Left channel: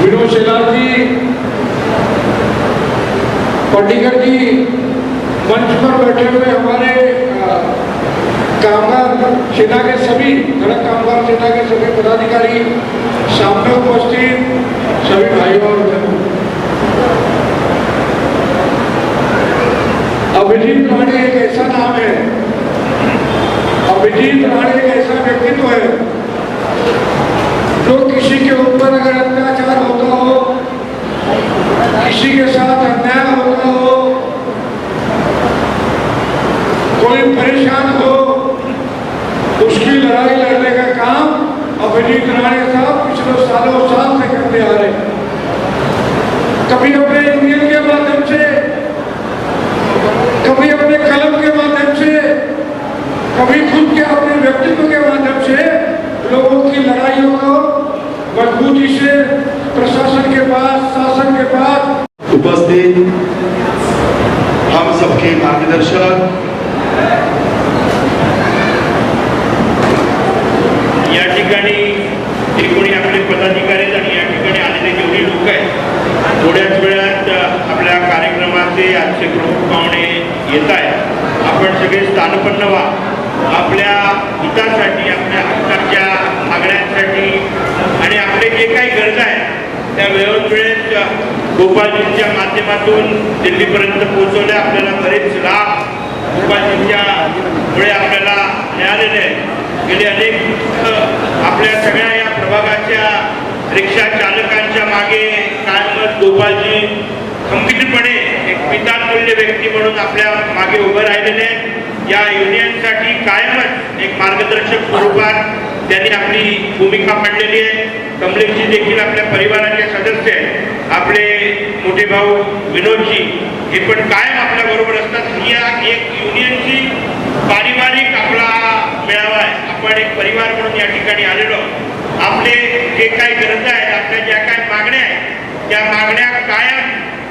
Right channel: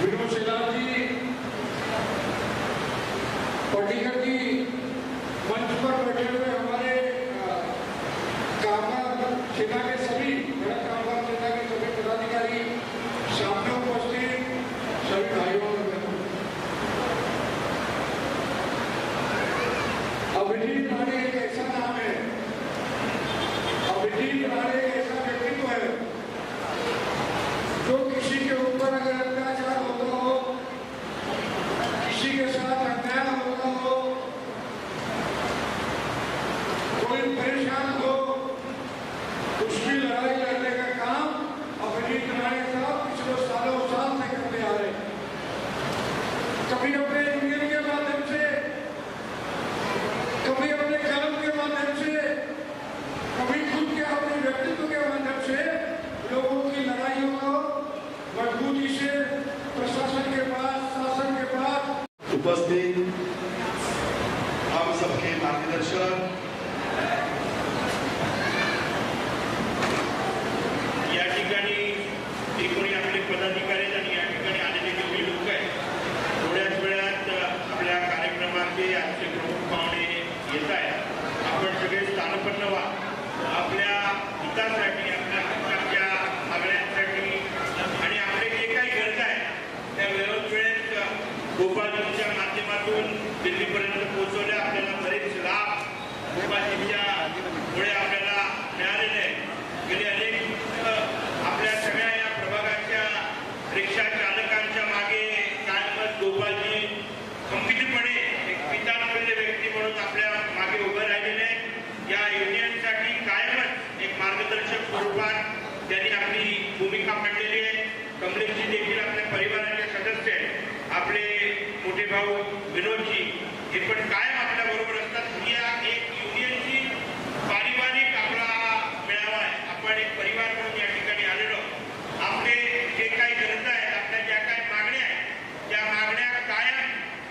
विनोद शेलार जी, पाटीकर जी, मंच पर बैठे हुए हमारे कामगार सेना के सभी सड़क कामगार सेना के सभी पदाधिकारी, सामने उपस्थित सभी भाइयों और बहनों, अभिजीत राणे एक ऐसा नाम है, अभिजीत राणे एक ऐसा व्यक्तित्व है जो किसी के ऊपर अगर अत्याचार होता हो, किसी के साथ अन्याय होता हो, कोई परेशान हो, उसकी लड़ाई लड़ने का काम अभिजीत राणे साहब पिछले सालों साल से करते आ रहे हैं। कभी अपने यूनियन के माध्यम से, कभी अपने कलम के माध्यम से, कभी खुद के अपने व्यक्तित्व के माध्यम से लोगों की लड़ाइयों को मजबूती से प्रशासन के पास, शासन के पास उपस्थित हम सबके मार्गदर्शक, या ठिकाणी एकूण आपले पदाधिकारी आणि या ठिकाणी आलेले जेवढे लोक आहेत, थोड्याच वेळात आपल्या कार्यक्रमाचे आजचे प्रमुख पाहुणे येत आहेत. आपण सगळे स्थानपन्न व्हा. आपल्या हितासाठी, आपल्या हक्काच्या मागण्यांसाठी आणि आपले जे काही गरज आहेत त्या वेळोवेळेत गोपालजींच्या माध्यमातून दिल्लीपर्यंत पोहोचवल्या. आपल्याला बरेच लाभ गोपालजींच्या मुळे आपल्याला मिळालेले आहेत. गेले अनेक आपल्या सगळ्या या प्रभागाच्या रिक्षा चालकांच्या मागे कायमच गोपालजी खंबीरपणे एक पितातुल्य व्यक्ती म्हणून आपल्या मागे उभं राहिलेले आहेत. या युनियनसाठी कायमच एक मार्गदर्शक स्वरूपात त्यांनी आपली भूमिका मांडलेली आहे. कमलेशजी देखील आपल्या परिवाराचे सदस्य आहेत. आपले मोठे भाऊ विनोदजी हे पण कायम आपल्या बरोबर असतात. या एक युनियनची पारिवारिक आपला मेळावा आहे. आपण एक परिवार म्हणून या ठिकाणी आलेलो. आपले जे काही गरज आहेत, आपल्या ज्या काही मागण्या आहेत, त्या मागण्या कायम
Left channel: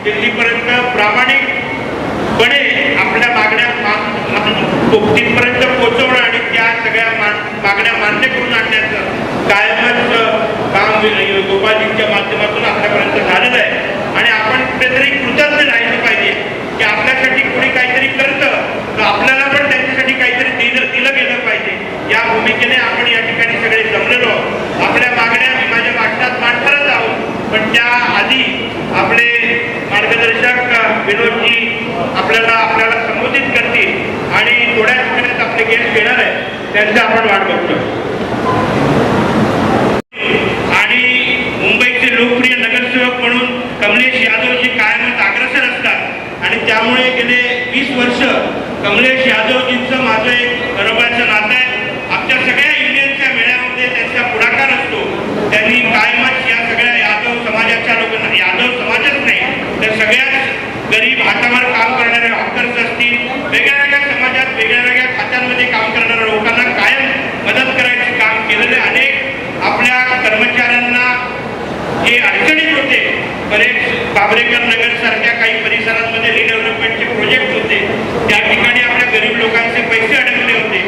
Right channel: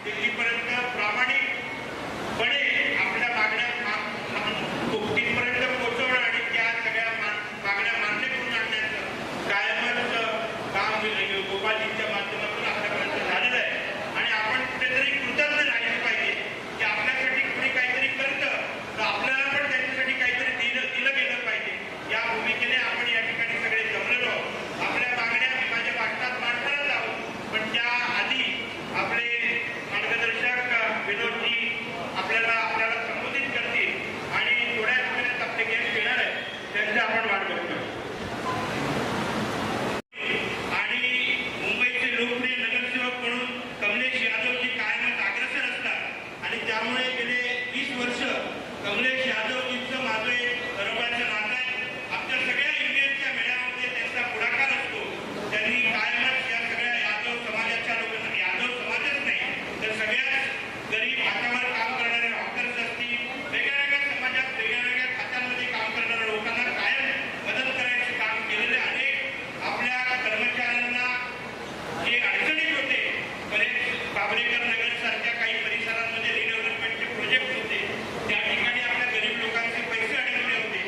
दिल्लीपर्यंत प्रामाणिकपणे आपल्या मागण्या तिथपर्यंत पोहोचवणं आणि त्या सगळ्या मागण्या मान्य करून आणण्याचं कायमच काम गोपालजींच्या माध्यमातून आपल्यापर्यंत झालेलं आहे. आणि आपण कुठेतरी कृतज्ञ राहिलं पाहिजे की आपल्यासाठी कोणी काहीतरी करतं तर आपल्याला पण त्यांच्यासाठी काहीतरी दिलं गेलं पाहिजे. या भूमिकेने आपण या ठिकाणी सगळे जमलेलो. आपल्या मागण्या मी माझ्या भाषणात मांडणारच आहोत, पण त्या आधी आपले मार्गदर्शक विनोदजी आपल्याला संबोधित करतील आणि थोड्याच वेळात आपले गेस्ट येणार आहेत, त्यांचं आपण वाट बघतो. आणि मुंबईचे लोकप्रिय नगरसेवक म्हणून कमलेश यादवजी कायमच अग्रेसर असतात आणि त्यामुळे गेले 20 वर्ष कमलेश यादवजींचं माझं एक बरोबरचं नातं आहे. आमच्या सगळ्या युनियनच्या मेळ्यामध्ये त्यांचा पुढाकार असतो. त्यांनी कायमच या सगळ्या यादव समाजाच्या लोकांना, यादव समाजच नाही तर सगळ्याच गरीब हातावर काम करणारे हॉकर्स असतील, वेगळ्या समाजात वेगळ्या खात्यांमध्ये काम करणाऱ्या लोकांना कायम मदत करायचं काम केलेले. अनेक आपल्या कर्मचाऱ्यांना जे अडचणीत होते, बरेच बाबरेकर नगर सारख्या काही परिसरांमध्ये रिडेव्हलपमेंटचे प्रोजेक्ट होते, त्या ठिकाणी आपल्या गरीब लोकांचे पैसे अडकले होते.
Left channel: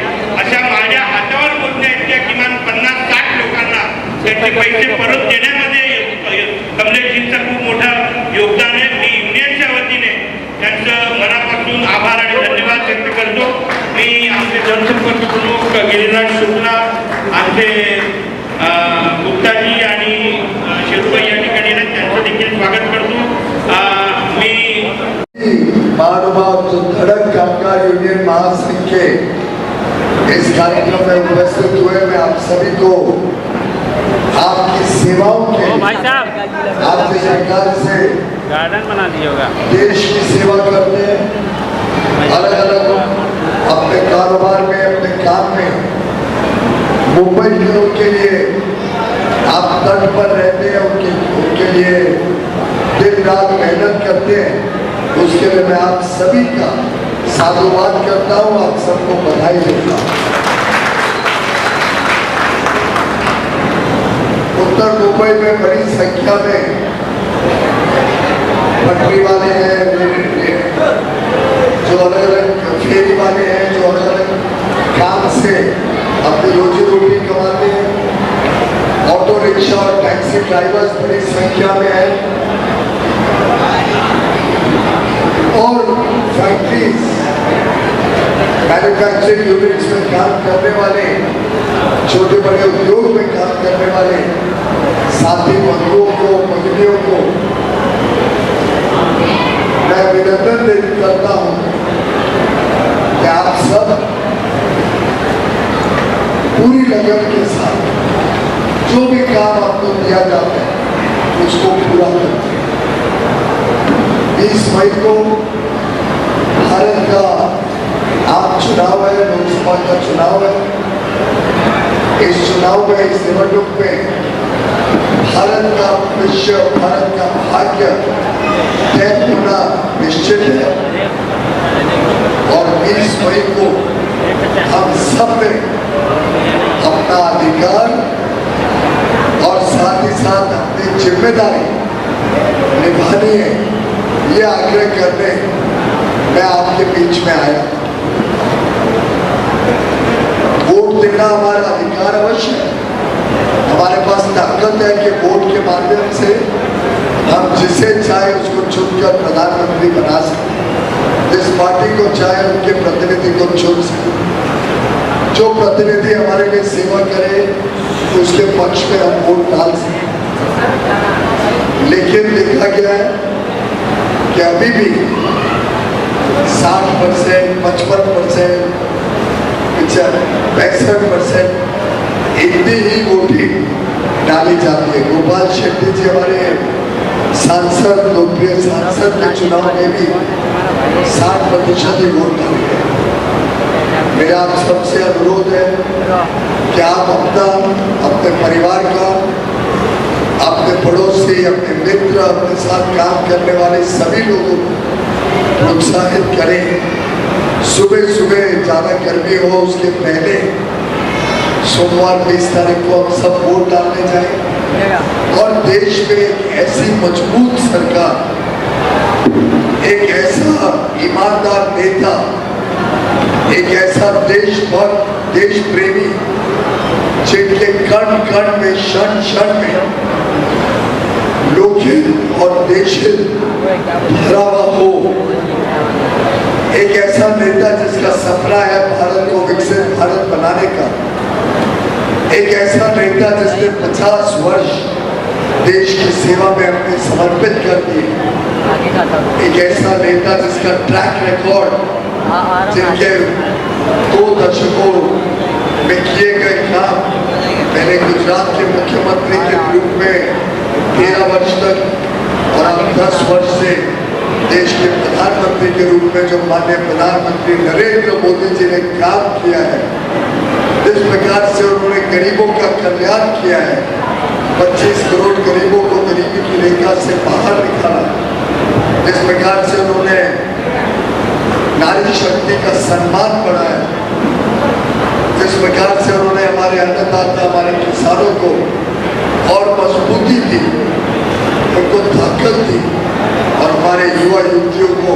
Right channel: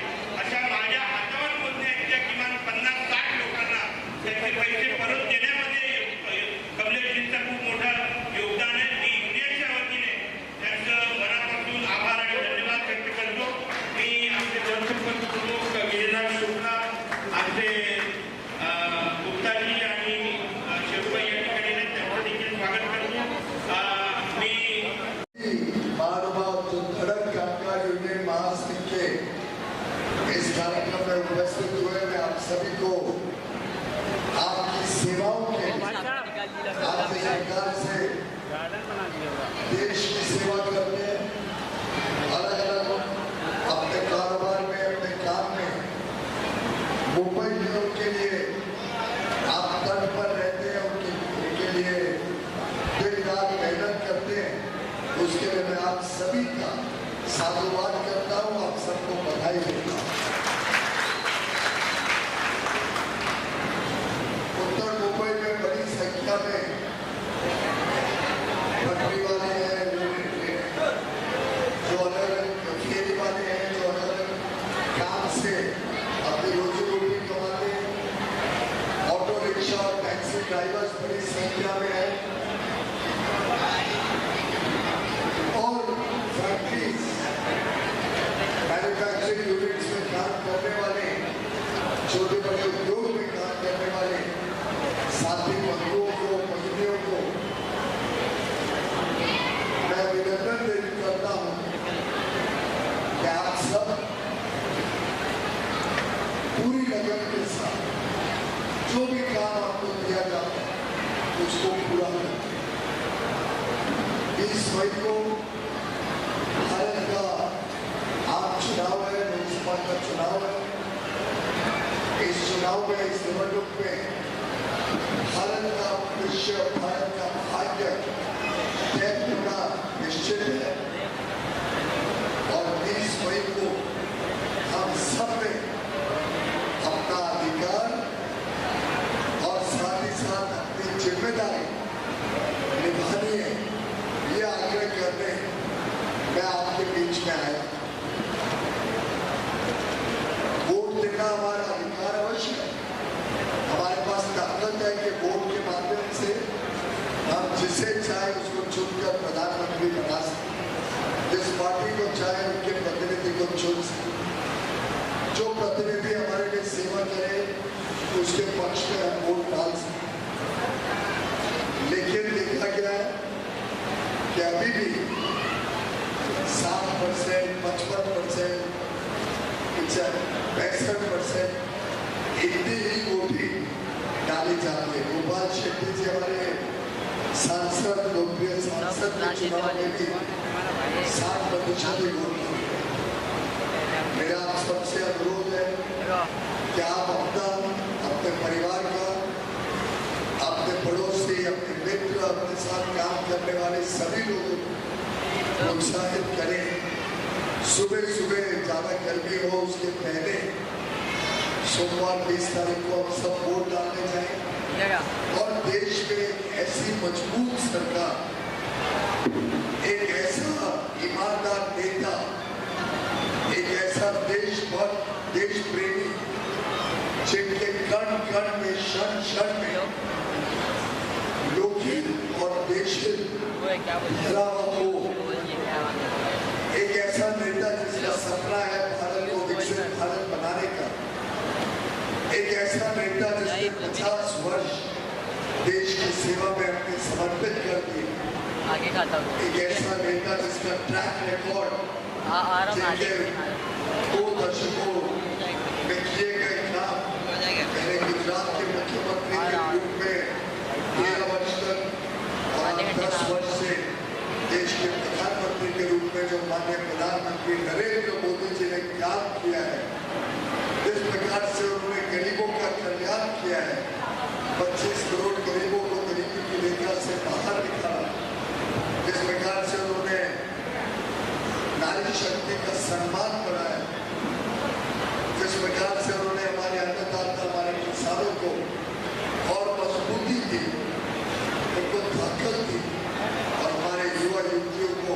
अशा माझ्या हातावर पोहोचण्याच्या किमान 50-60 लोकांना त्यांचे पैसे परत देण्यामध्ये कमलेशजींचं खूप मोठं योगदान आहे. मी युनियनच्या वतीने त्यांचं मनापासून आभार आणि धन्यवाद व्यक्त करतो. मी आमचे जनसंपर्क प्रमुख गिरीराज शुक्ला, आमचे गुप्ताजी आणि शेरुबाई या ठिकाणी त्यांचं देखील स्वागत करतो. मी महानुभाव जो धड़क कामगार यूनियन महासंघ के इस कार्यक्रम में उपस्थित हुए, मैं आप सभी को आपकी सेवाओं के आपकी सरकार से गार्डन बना दिया होगा, देश की सेवा करते हैं, अलग अलग अपने कारोबार में, अपने काम में मुंबई के लोग के लिए आप तट पर रहते हैं, उनके लिए दिन रात मेहनत करते हैं। उसके लिए मैं आप सभी का साधुवाद करता हूँ, आप सबको बधाई देता हूँ। उत्तर मुंबई में बड़ी संख्या में पटरी वाले हैं, जो अलग अलग फेरी वाले हैं, जो अलग अलग काम से अपनी रोजी रोटी कमाते हैं, ऑटो रिक्शा और टैक्सी टैक्सी ड्राइवर्स बड़ी संख्या में है और फैक्ट्रीज मैन्युफैक्चरिंग यूनिट्स में काम करने वाले, छोटे बड़े उद्योग में काम करने वाले साथी बंधुओं को, भगिनियों को मैं अभिनंदन करता हूं कि आप सब पूरी लगन के साथ जो भी काम आपको दिया जाता है उसको पूरा करते हैं। 20 मई को भारत का आम चुनाव है, लोकसभा का चुनाव है। इस चुनाव में, इस निवडणूक में भारत का भविष्य, भारत का भाग्य तय होना निश्चित है और 20 मई को हम सब ने अपना अधिकार और साथ ही साथ अपनी जिम्मेदारी निभानी है, ये आग्रह करने मैं आपके बीच में आया। वोट देना हमारा अधिकार अवश्य है, हमारे पास ताकत है कि वोट के माध्यम से हम जिसे चाहे उसको चुनकर प्रधानमंत्री बना सकते, जिस पार्टी को चाहे उनके प्रतिनिधि को चुन सकते, जो प्रतिनिधि हमारे लिए सेवा करे उसके पक्ष में हम वोट डाल सकते। लेकिन देखा गया है कि अभी भी 60%, 55%, 65% इतनी ही वोटिंग डाली जाती है। गोपाल शेट्टी जी हमारे सांसद, लोकप्रिय सांसद के चुनाव में भी 60% ही वोट डाले गए। मेरा आप सबसे अनुरोध है कि आप अपने परिवार का, अपने पड़ोसी, अपने मित्र, अपने साथ काम करने वाले सभी लोगों को प्रोत्साहित करें। सुबह सुबह ज्यादा गर्मी हो उसके पहले सोमवार 20 तारीख को हम सब वोट डालने जाएं और देश में एक ऐसी मजबूत सरकार, एक ऐसा ईमानदार नेता, एक ऐसा देशभक्त, देश प्रेमी जिनके कण कण में, क्षण क्षण में लोकहित और देशहित भरा हुआ हो, एक ऐसा नेता जिसका सपना है भारत को विकसित भारत बनाने का, एक ऐसा नेता जिसने 50 वर्ष देश की सेवा में अपने समर्पित कर दिए, एक ऐसा नेता जिसका ट्रैक रिकॉर्ड, जिनके 2 दशकों में किए गए काम, मैंने गुजरात के मुख्यमंत्री के रूप में 13 वर्ष तक और अब 10 वर्ष से देश के प्रधानमंत्री के रूप में जो माननीय प्रधानमंत्री नरेंद्र मोदी जी ने काम किया है, जिस प्रकार से उन्होंने गरीबों का कल्याण किया है, 25 करोड़ गरीबों को गरीबी की रेखा से बाहर निकाला, जिस प्रकार से उन्होंने नारी शक्ति का सम्मान बढ़ाया, जिस प्रकार से उन्होंने हमारे अन्नदाता, हमारे किसानों को और मजबूती दी, उनको ताकत दी और हमारे युवा युवतियों को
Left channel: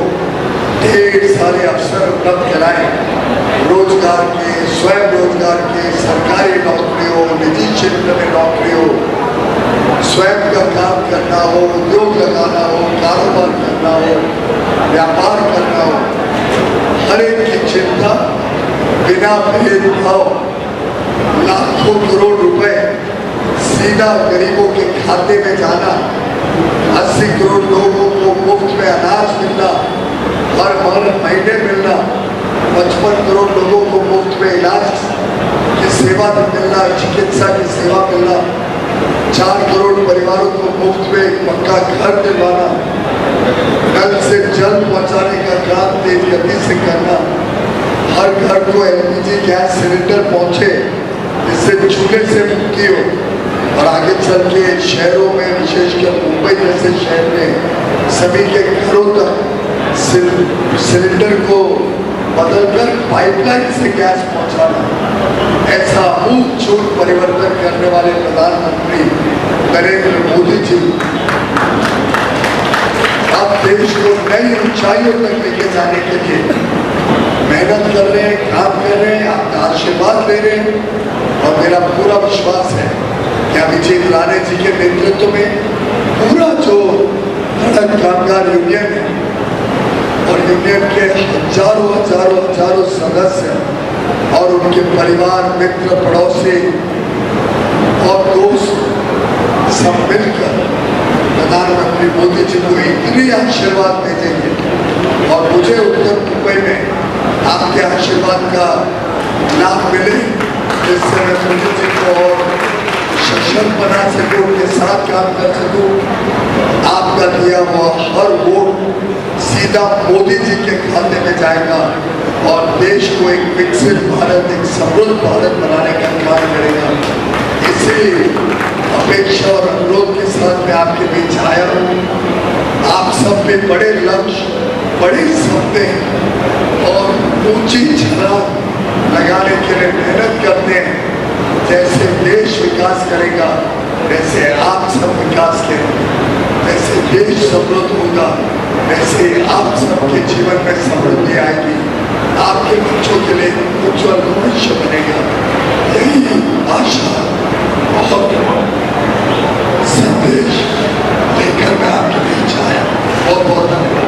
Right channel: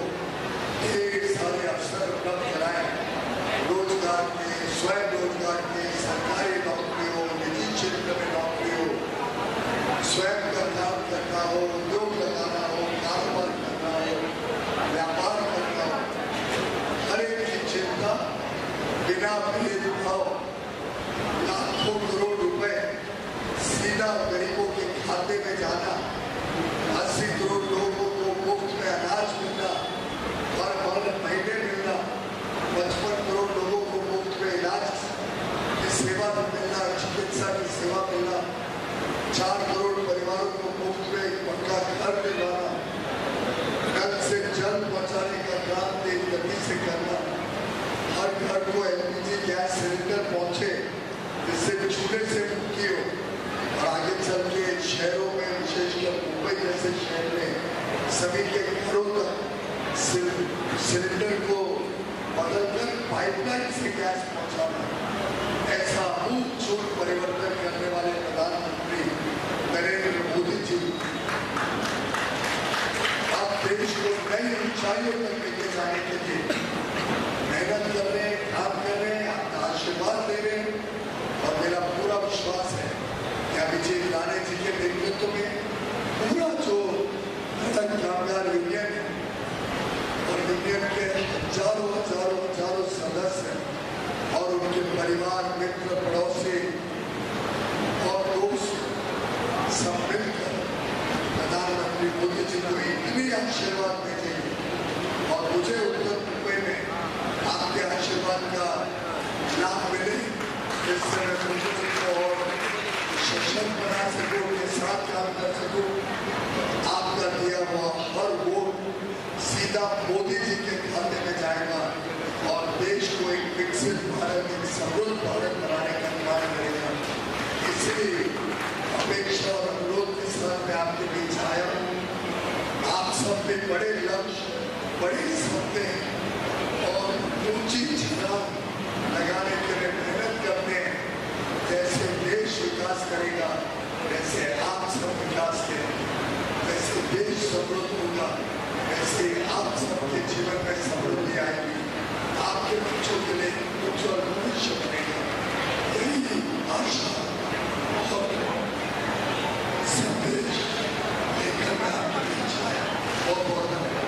ढेर सारे अवसर उपलब्ध कराए, रोजगार के, स्वयं रोजगार के, सरकारी नौकरी हो, निजी क्षेत्र में नौकरी हो, स्वयं का काम करना हो, उद्योग लगाना हो, कारोबार करना हो, व्यापार करना हो, हर एक की चिंता बिना भेदभाव लाखों करोड़ रुपए सीधा गरीबों के खाते में जाना, 80 करोड़ लोगों को मुफ्त में अनाज मिलना, हर महीने मिलना, 55 करोड़ लोगों को मुफ्त में इलाज की सेवा मिलना, चिकित्सा की सेवा मिलना, 4 करोड़ परिवारों को मुफ्त में एक पक्का घर दिलवाना, नल से जल पहुंचाने का काम तेज गति से करना, हर घर को एलपीजी गैस सिलेंडर पहुंचे जिससे चूल्हे से मुक्ति हो और आगे चल के शहरों में, विशेषकर मुंबई जैसे शहर में सभी के घरों तक सिलेंडर को बदलकर पाइपलाइन से गैस पहुंचाना, ऐसा अमूलचूल परिवर्तन करने वाले प्रधानमंत्री नरेंद्र मोदी जी अब देश को नई ऊंचाइयों तक लेके जाने के लिए मेहनत कर रहे हैं, काम कर रहे हैं, आपका आशीर्वाद ले रहे हैं और मेरा पूरा विश्वास है कि अभिजीत राणे जी के नेतृत्व में पूरा जो धड़क कामगार यूनियन है और यूनियन के हजारों सदस्य और उनके परिवार, मित्र, पड़ोसी और दोस्त सब मिलकर प्रधानमंत्री मोदी जी को इतनी आशीर्वाद भेजेंगे और मुझे उत्तर मुंबई में आपके आशीर्वाद का लाभ मिले, जिससे मैं मोदी जी को और सशक्त बना सकूं, उनके साथ काम कर सकूं। आपका दिया हुआ हर वोट सीधा मोदी जी के खाते में जाएगा और देश को एक विकसित भारत, एक समृद्ध भारत बनाने का काम करेगा। इसीलिए अपेक्षा और अनुरोध के साथ मैं आपके बीच आया हूँ। आप सब में बड़े लक्ष्य, बड़े सपने और ऊंची छलांग लगाने के लिए मेहनत करते हैं। जैसे देश विकास करेगा वैसे आप सब विकास करेंगे, वैसे देश समृद्ध होगा, वैसे आप सबके जीवन में समृद्धि आएगी, आपके बच्चों के लिए उज्जवल भविष्य बनेगा। यही आशा और संदेश लेकर मैं आपके बीच आया।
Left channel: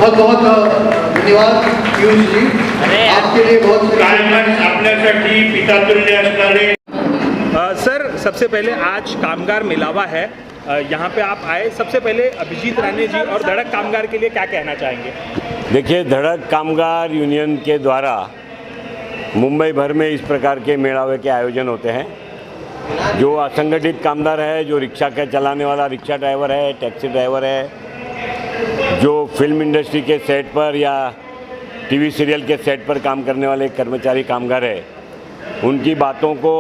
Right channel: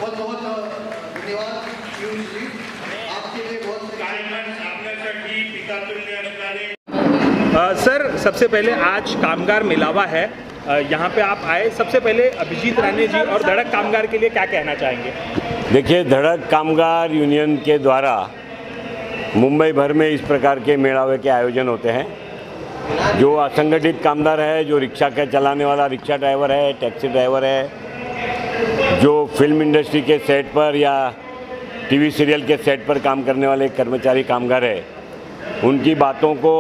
बहुत बहुत धन्यवाद पीयूष जी, आपके लिए बहुत कायमच आपल्यासाठी पितातुल्य असणारे सर, सबसे पहले आज कामगार मिलावा है, यहाँ पे आप आए। सबसे पहले अभिजीत राणे जी और धड़क कामगार के लिए क्या कहना चाहेंगे? देखिए, धड़क कामगार यूनियन के द्वारा मुंबई भर में इस प्रकार के मेलावे के आयोजन होते हैं। जो असंगठित कामगार है, जो रिक्शा का चलाने वाला रिक्शा ड्राइवर है, टैक्सी ड्राइवर है, जो फिल्म इंडस्ट्री के सेट पर या टीवी सीरियल के सेट पर काम करने वाले कर्मचारी कामगार है, उनकी बातों को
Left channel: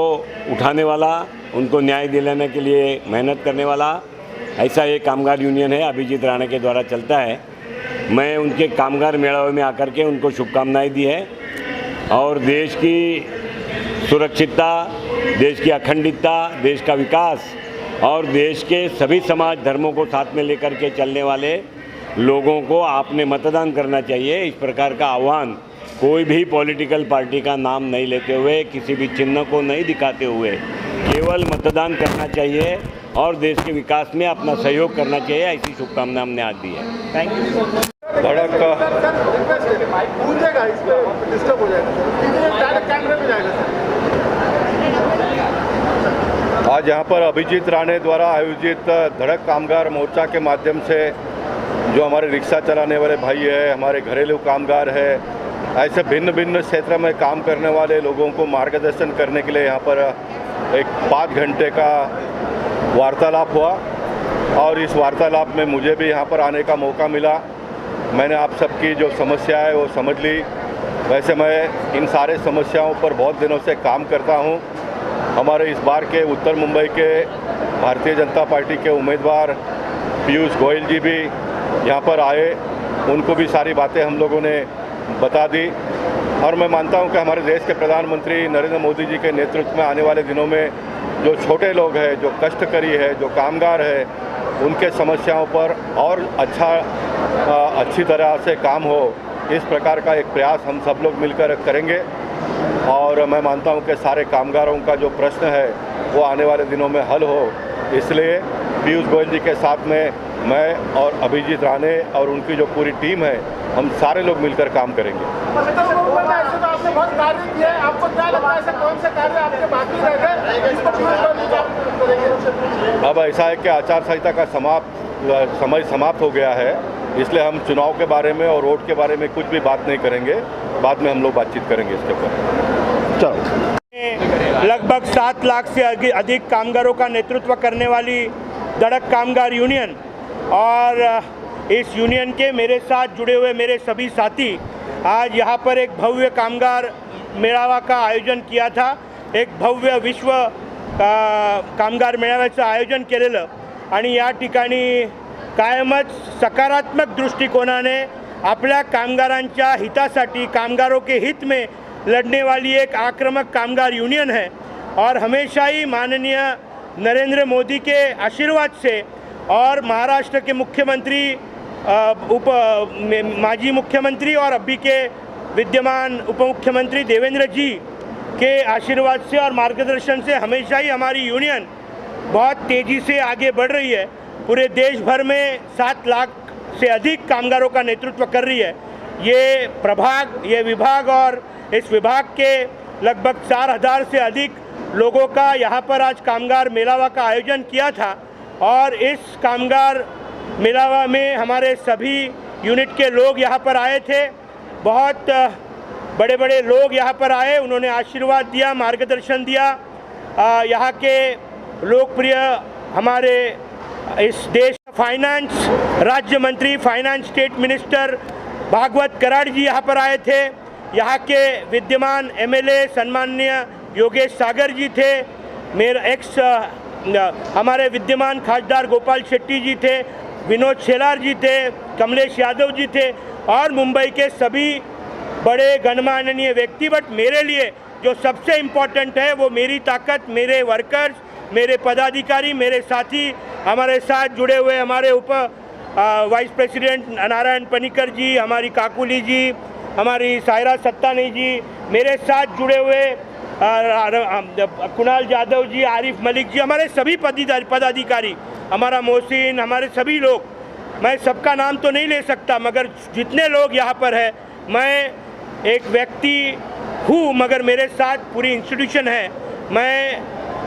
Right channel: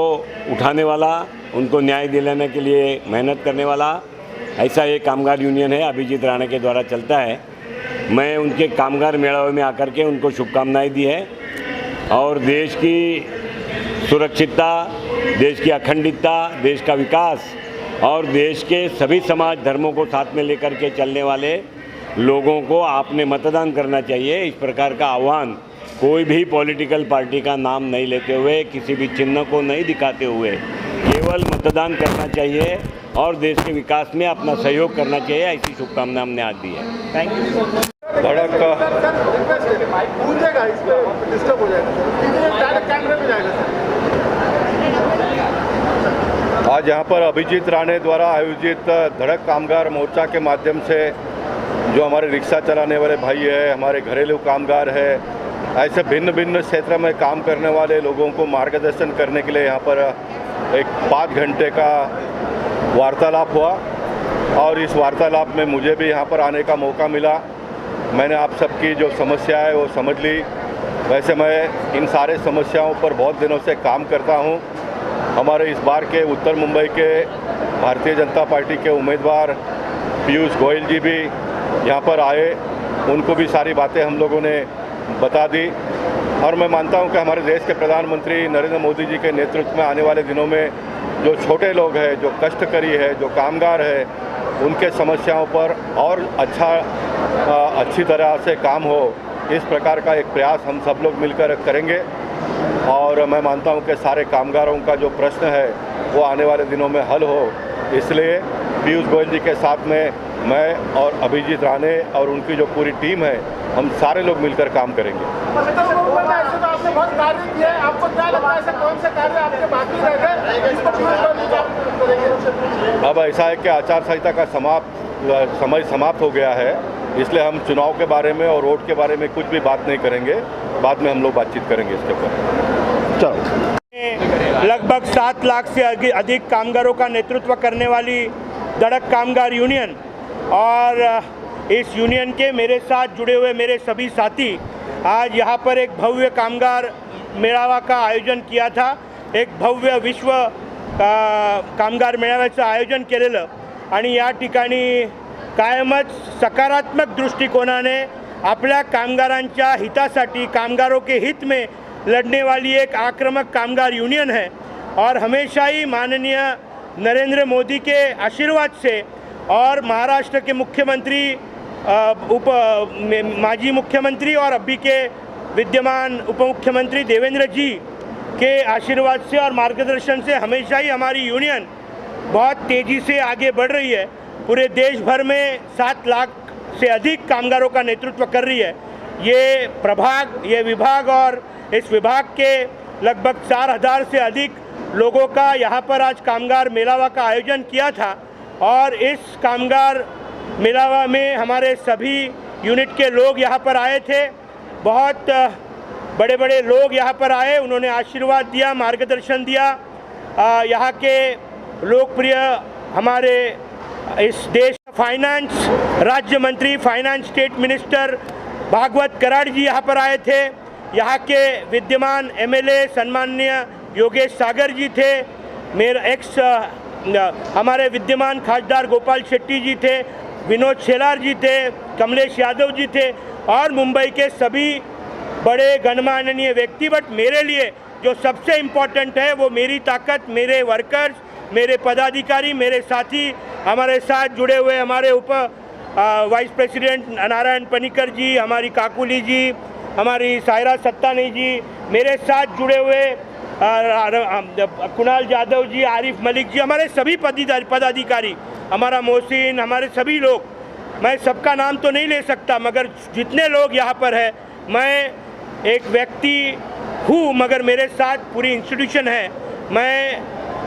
उठाने वाला, उनको न्याय दिलाने के लिए मेहनत करने वाला ऐसा एक कामगार यूनियन है, अभिजीत राणे के द्वारा चलता है। मैं उनके कामगार मेलावे में आकर के उनको शुभकामनाएं दी है और देश की सुरक्षितता, देश की अखंडता, देश का विकास और देश के सभी समाज धर्मों को साथ में लेकर के चलने वाले लोगों को आपने मतदान करना चाहिए, इस प्रकार का आह्वान कोई भी पॉलिटिकल पार्टी का नाम नहीं लेते हुए, किसी भी चिन्ह को नहीं दिखाते हुए केवल मतदान करना चाहिए और देश के विकास में अपना सहयोग करना चाहिए, ऐसी शुभकामना हमने आज दी है। Thank you. धड़क आज यहाँ पर अभिजीत राणे द्वारा आयोजित धड़क कामगार मोर्चा के माध्यम से जो हमारे रिक्शा चलाने वाले भाई है, हमारे घरेलू कामगार है, ऐसे भिन्न भिन्न क्षेत्र में काम करने वाले लोगों को मार्गदर्शन करने के लिए यहाँ पर एक 5 घंटे का वार्तालाप हुआ और इस वार्तालाप में मुझे भी यहाँ पर आने का मौका मिला। मैंने आप सबकी जो समस्या है वो समझ ली। वैसे मैं इन सारे समस्याओं पर बहुत दिनों से काम करता हूँ। हमारे इस बार के उत्तर मुंबई के भारतीय जनता पार्टी के उम्मीदवार पीयूष गोयल जी भी यहाँ पर आए, उनको भी सारी बातें हम लोगों ने बता दी और मैं मानता हूँ कि हमारे देश के प्रधानमंत्री नरेंद्र मोदी जी के नेतृत्व में आने वाले दिनों में जो छोटे लोग हैं, जो कष्टकरी है, जो कामगार है, उनके समस्याओं पर और अच्छी तरह से काम हो, इस प्रकार का एक प्रयास हम सब लोग मिलकर करेंगे। और मैं मानता हूं कि सारे कामगारों का जो प्रश्न है वो आने वाले दिनों में हल हो, इसलिए पीयूष गोयल जी के साथ में मैं और अभिजीत राणे और उनकी जो पूरी टीम है, हम सारे लोग मिलकर काम करेंगे। आपने बहुत कार्य किया है, आपको क्या लगता है ऐसे कौन से कार्य आपके बाकी रह गए? अब ऐसा है कि आचार संहिता का समय समाप्त हो गया है, इसलिए हम चुनाव के बारे में और वोट के बारे में कुछ भी बात नहीं करेंगे। बाद में हम लोग बातचीत करेंगे इसके ऊपर। चलो। लगभग 7 लाख से अधिक कामगारों का नेतृत्व करने वाली धड़क कामगार यूनियन और इस यूनियन के मेरे साथ जुड़े हुए मेरे सभी साथी आज यहाँ पर एक भव्य कामगार मेळावा का आयोजन किया था। एक भव्य विश्व कामगार मेळाव्याचं आयोजन केलेलं आणि या ठिकाणी कायमच सकारात्मक दृष्टिकोनाने आपल्या कामगारांच्या हितासाठी, कामगारों के हित में लड़ने वाली एक आक्रामक कामगार यूनियन है और हमेशा ही माननीय नरेंद्र मोदी के आशीर्वाद से और महाराष्ट्र के मुख्यमंत्री माजी मुख्यमंत्री और अभी के विद्यमान उप मुख्यमंत्री देवेंद्र जी के आशीर्वाद से और मार्गदर्शन से हमेशा ही हमारी यूनियन बहुत तेज़ी से आगे बढ़ रही है। पूरे देश भर में 7 लाख से अधिक कामगारों का नेतृत्व कर रही है। ये विभाग और इस विभाग के लगभग 4000 से अधिक लोगों का यहाँ पर आज कामगार मेलावा का आयोजन किया था और इस कामगार मेलावा में हमारे सभी यूनिट के लोग यहाँ पर आए थे। बहुत बड़े बड़े लोग यहाँ पर आए, उन्होंने आशीर्वाद दिया, मार्गदर्शन दिया। यहाँ के लोकप्रिय हमारे इस देश फाइनेंस राज्य मंत्री, finance state minister Bhagwat Karad ji यहाँ पर आए थे। यहाँ के विद्यमान एमएलए सम्माननीय योगेश सागर जी थे। मेरे हमारे विद्यमान खासदार गोपाल शेट्टी जी थे, विनोद शेलार जी थे, कमलेश यादव जी थे और मुंबई के सभी बड़े गणमान्य व्यक्ति। बट मेरे लिए जो सबसे इम्पोर्टेंट है वो मेरी ताकत, मेरे वर्कर्स, मेरे पदाधिकारी, मेरे साथी, हमारे साथ जुड़े हुए हमारे वाइस प्रेसिडेंट नारायण पनिकर जी, हमारी काकुली जी, हमारी सायरा सत्तानी जी, मेरे साथ जुड़े हुए कुणाल यादव जी, आरिफ मलिक जी, हमारे सभी पदाधिकारी, हमारा मोहसिन, हमारे सभी लोग, मैं सबका नाम तो नहीं ले सकता मगर जितने लोग यहाँ पर है, मैं एक व्यक्ति हूँ मगर मेरे साथ पूरी इंस्टीट्यूशन है। मैं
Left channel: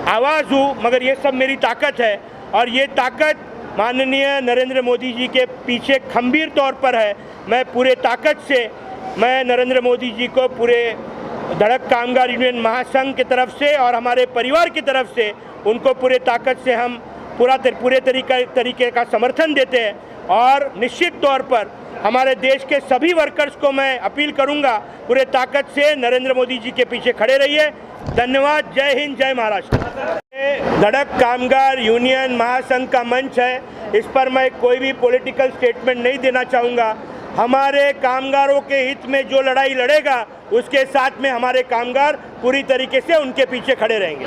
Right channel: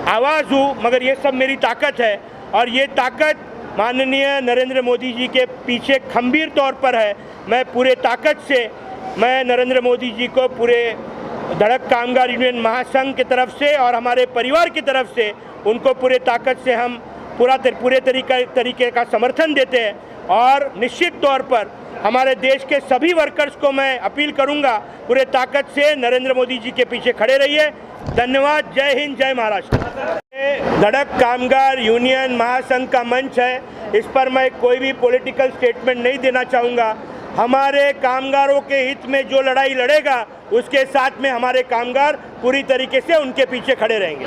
आवाज़ हूँ मगर ये सब मेरी ताकत है और ये ताकत माननीय नरेंद्र मोदी जी के पीछे खंभीर तौर पर है। मैं पूरे ताकत से मैं नरेंद्र मोदी जी को पूरे धड़क कामगार यूनियन महासंघ की तरफ से और हमारे परिवार की तरफ से उनको पूरे ताकत से हम पूरे तरीके का समर्थन देते हैं और निश्चित तौर पर हमारे देश के सभी वर्कर्स को मैं अपील करूंगा पूरे ताकत से नरेंद्र मोदी जी के पीछे खड़े रहिए। धन्यवाद। जय हिंद, जय महाराष्ट्र। धड़क कामगार यूनियन महासंघ का मंच है, इस पर मैं कोई भी पॉलिटिकल स्टेटमेंट नहीं देना चाहूँगा। हमारे कामगारों के हित में जो लड़ाई लड़ेगा उसके साथ में हमारे कामगार पूरी तरीके से उनके पीछे खड़े रहेंगे।